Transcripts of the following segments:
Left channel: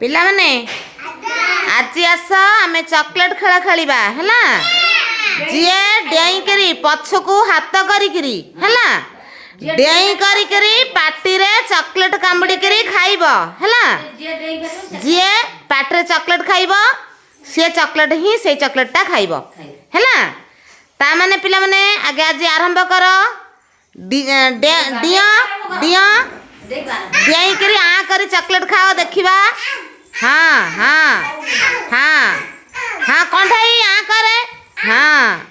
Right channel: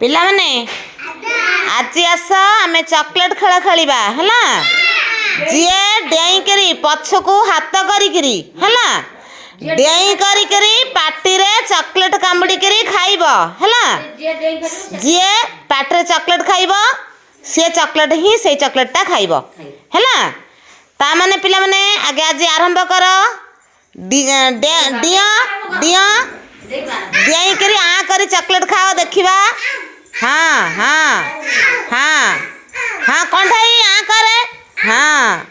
पिला माने आज आस आमे चॉकलेट खेल खेलिबा हैला जिए डेई करी पछकू हाथ करी हैला डेई करी पाटी रे चॉकलेट कामुड़ी करी खाइबो हैला जिए पाटी चॉकलेट खाइबो से चॉकलेट ही से चॉकलेट टा खाइबो हैला ता माने पिला माने आगे आज आरंभ करो डिया डिया डेई करी आ करी चॉकलेट खाओ देखिबा हाँ हाँ हाँ हाँ कंठाई आ करे हाँ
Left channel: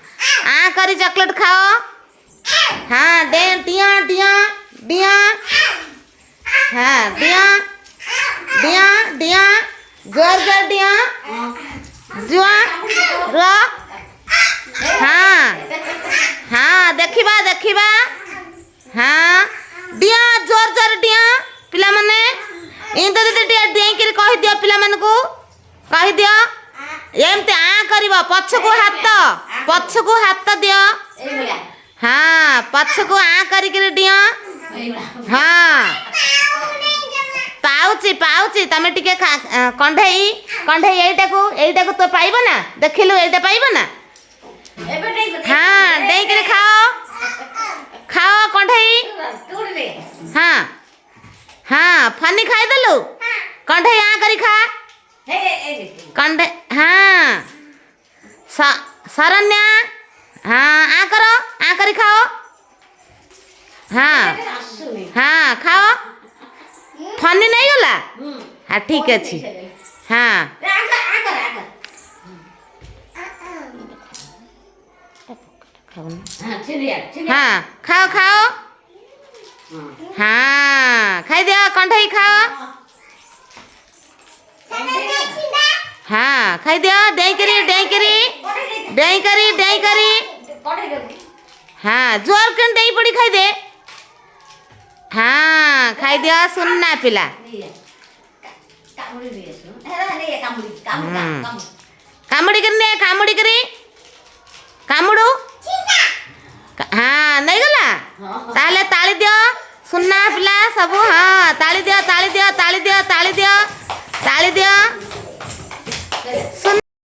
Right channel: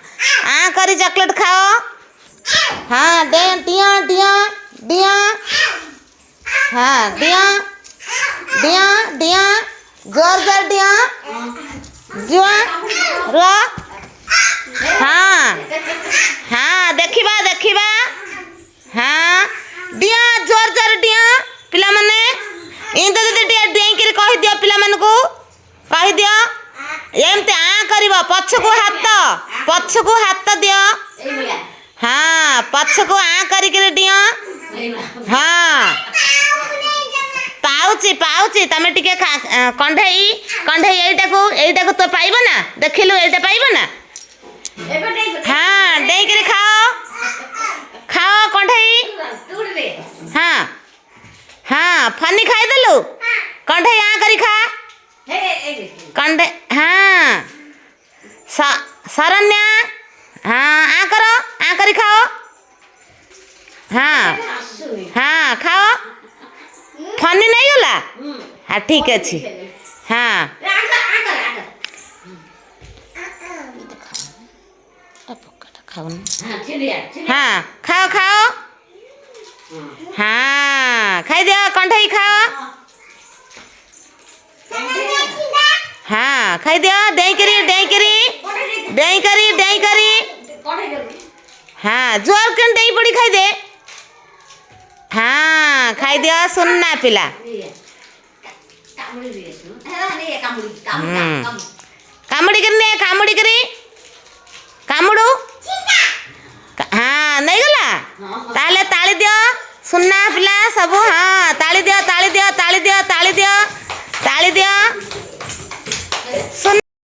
आ करी चॉकलेट खाओ हाँ दे दिया दिया दिया हाँ दिया दिया दिया जोर जोर दिया जुआ रो हाँ हाँ देखिबा देखिबा हाँ दिया जोर जोर दिया पिला माने इन तो दीदी डेई कर कहि दियो पिला मन को कहि दियो एमते आ करबो पछको हाथ दियो हाँ पछको आ करी कर दियो हाँ पाउची पाउची तमे टिके कंढेई कंढेई एटा को तो पाइबो ना देखिलु एटा पाइबो ना हाँ डेई कर खाओ खाओ कंढेई हाँ हाँ फनी खाई देलु कंढे आ करी खा कंढे हाँ शरण्या हाँ आ करो आ करी खाओ हाँ हाँ खाओ फनी नहीं होला हाँ ठीक अच्छी हाँ हाँ खाओ खाओ हाँ खाई दिया कंठई खाओ हाँ खाई दिया डेई करी हाँ जोर कन डेई पड़ी खाई दे हाँ खाई दिया सुनना पिला कामुड़ी करी कामुड़ू हाँ नहीं गला ताले ताली दियो सुनना पिला सब हाँ ताली दियो